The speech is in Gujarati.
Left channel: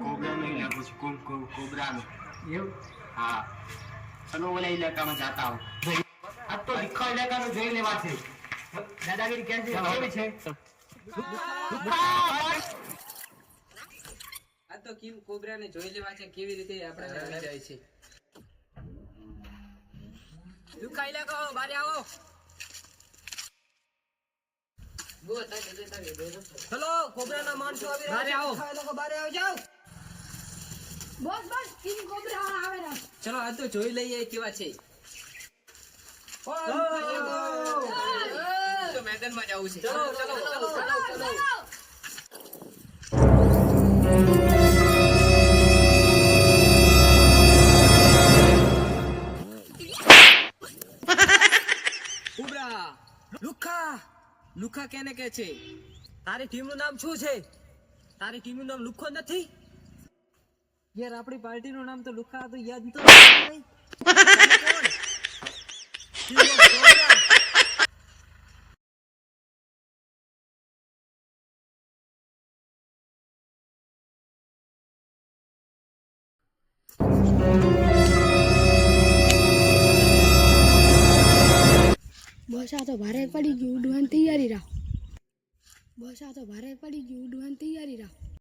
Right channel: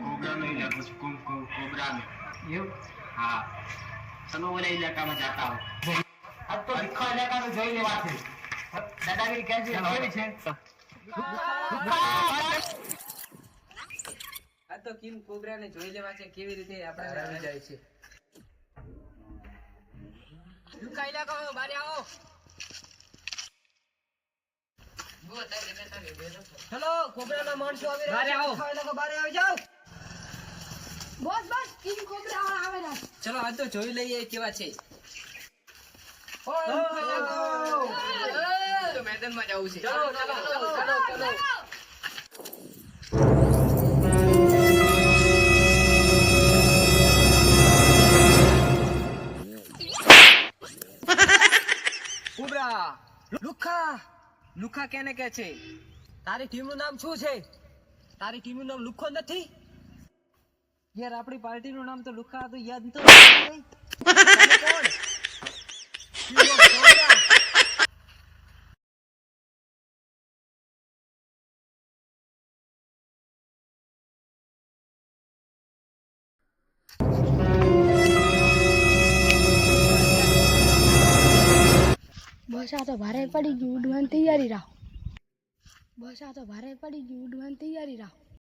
કોબરાનો ઇલાકો છે, કોબરાનો. એવું? હા, ચલો ઓલા ઇલાકામાં જાતા હો. આ તો લુખ્ખા ઇલાકાનો જોઈ લેવા છે. દાદાગીરી કેવી છે? આ તો કિંગ કોબરાને જોઈ લેવા છે કેવી રીતે આપણે આવી જાય છે. લુખ્ખા ઇલાકો બારે આવો. ચલો કોબરાના માણસો આવી રહ્યા છે. લુખ્ખા ઇલાકો બારે આવી જાઓ. બસ કિંગ કોબરા આવે ના. ચલો આ તો જોઈ લઈએ કેવા છે. તો મેદાનમાં જવું છે. ચલો. કોબરા લુખ્ખા કેને કે છે? તારી ટીમનું નામ શું છે? તારી ટીમનું નામ લુખ્ખો નથી? યાર આપણી પાર્ટીનું નામ તો લુખ્ખા તો યાદ તો નહીં. કોણ? બસ આ તો ભારે પડી ગયું, ઉડવાની તૈયારી રાખો.